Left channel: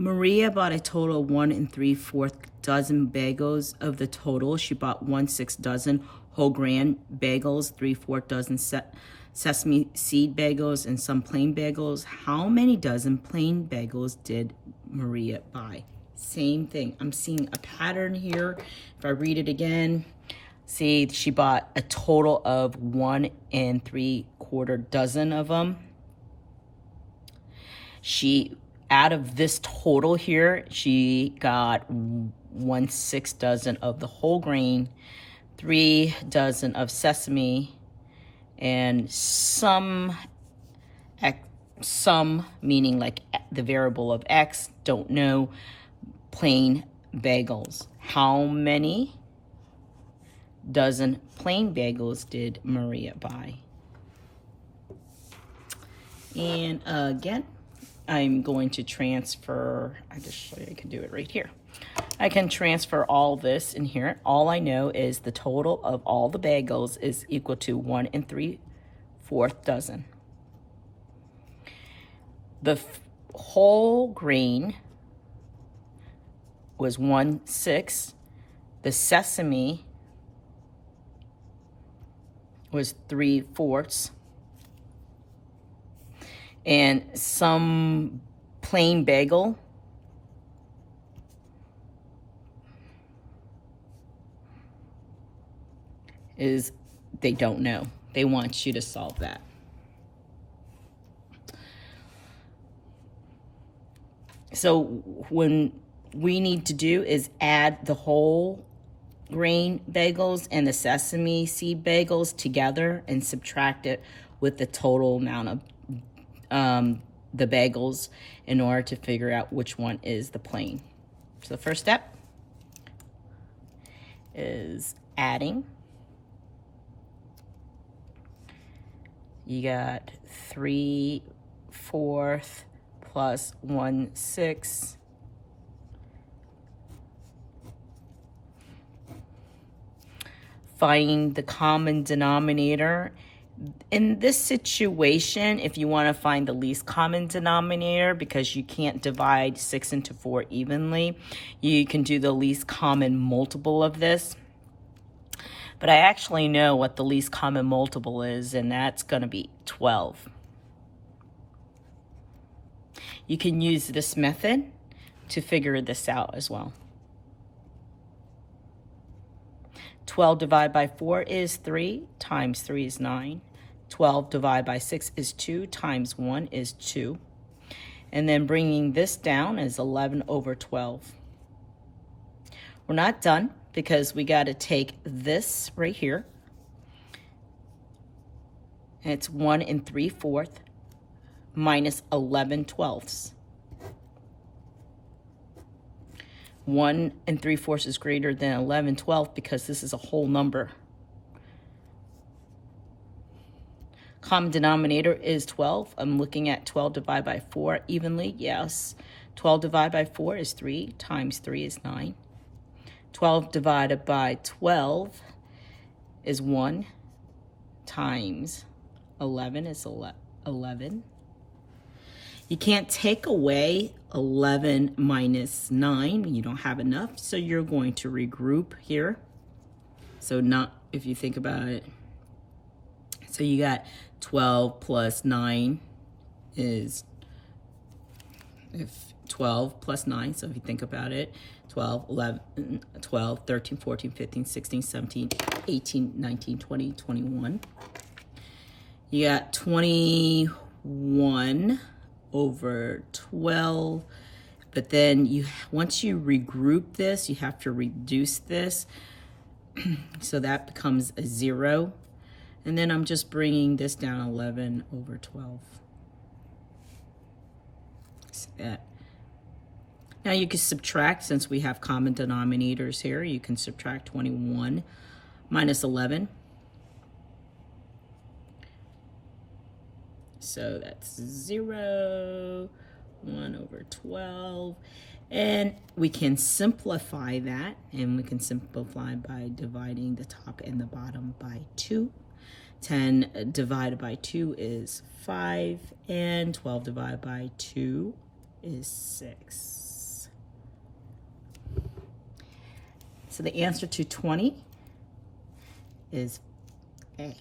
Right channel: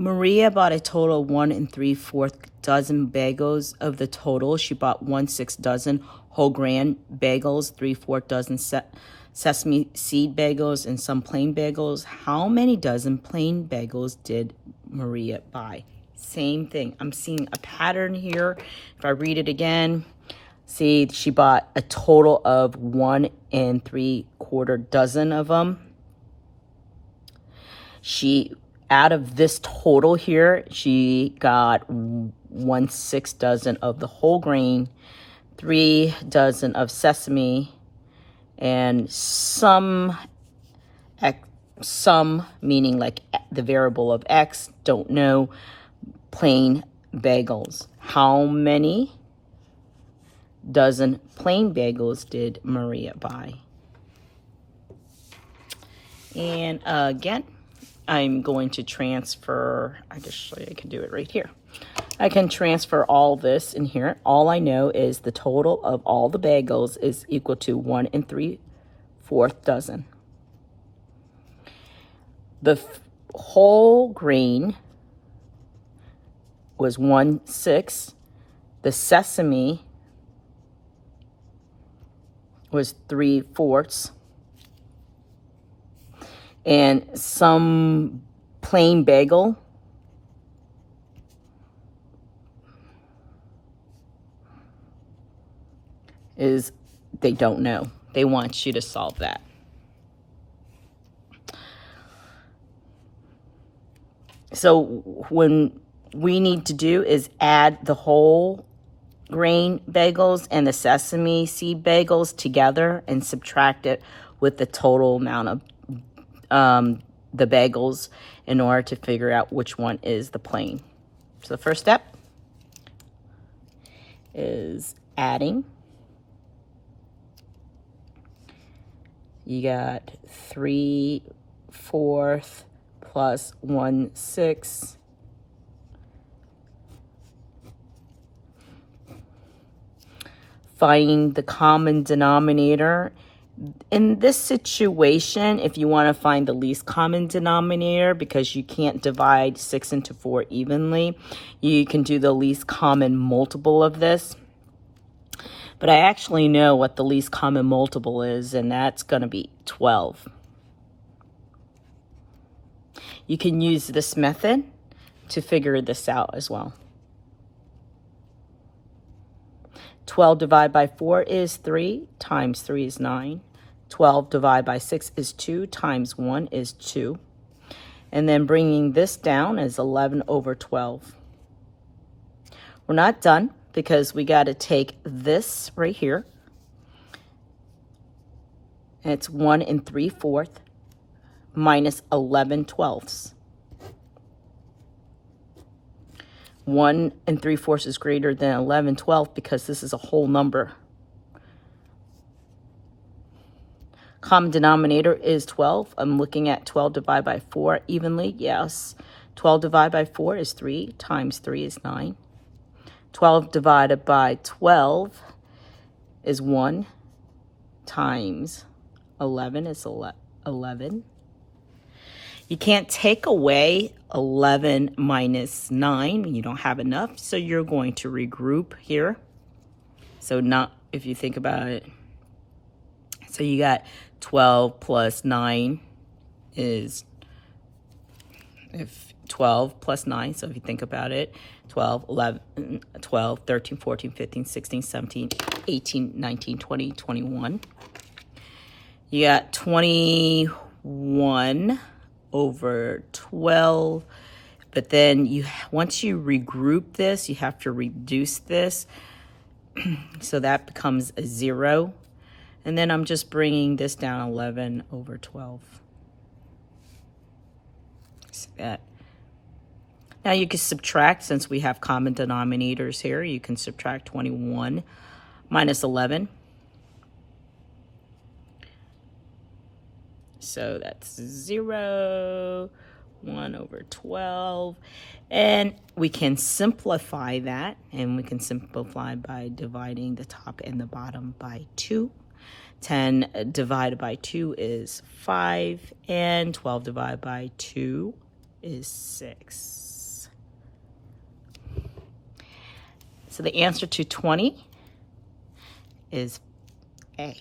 Maria bought a total of 1 3/4 dozen bagels. Of the total, she bought 1/6 dozen whole grain bagels, 3/4 dozen sesame seed bagels, and some plain bagels. How many dozen plain bagels did Maria buy? Same thing. I'm seeing a pattern here. If I read it again, see, she bought a total of 1 3/4 dozen of them. Out of this total here, she got 1/6 dozen of the whole grain, 3 dozen of sesame, and some meaning like the variable of X, don't know, plain bagels. How many dozen plain bagels did Maria buy? And again, I'm going to transfer, I just show you, I can do it right here. I can transfer all this in here. All I know is the total of all the bagels is equal to 1 3/4 dozen. The whole grain was 1/6. The sesame was 3/4. And some plain bagel is, they don't know. They want you to solve that. So when we need to do is add the whole grain bagels and the sesame seed bagels together and subtract it with the total amount of the bagels in order to figure out which one is the plain. So the first step is adding. You got 3/4 plus 1/6. Find the common denominator. In this situation, if you want to find the least common denominator, because you can't divide 6 into 4 evenly, you can do the least common multiple of this. But I actually know what the least common multiple is, and that's going to be 12. You can use this method to figure this out as well. 12 divided by 4 is 3, times 3 is 9. 12 divided by 6 is 2, times 1 is 2. And then bringing this down is 11/12. We're not done because we got to take this right here. And it's 1 3/4 minus 11/12. 1 3/4 is greater than 11/12 because this is a whole number. Common denominator is 12. I'm looking at 12 divided by 4 evenly. Yes. 12 divided by 4 is 3, times 3 is 9. 12 divided by 12 is 1, times 11 is 11. You can't take away 11 minus 9. You don't have enough, so you're going to regroup here. So not, if you think about it, so you got 12 plus 9 is, if 12 plus 9, so if you think about it, 12, 11, 12, 13, 14, 15, 16, 17, 18, 19, 20, 21. You got 21 over 12, but then once you regroup this, you have to reduce this, so that becomes a 0. And then I'm just bringing this down 11/12. So that. Now you can subtract, since we have common denominators here, you can subtract 21 minus 11. So that's 0, 1/12. And we can simplify that, and we can simplify by dividing the top and the bottom by 2. 10 divided by 2 is 5, and 12 divided by 2 is 6. So the answer to 20 is A.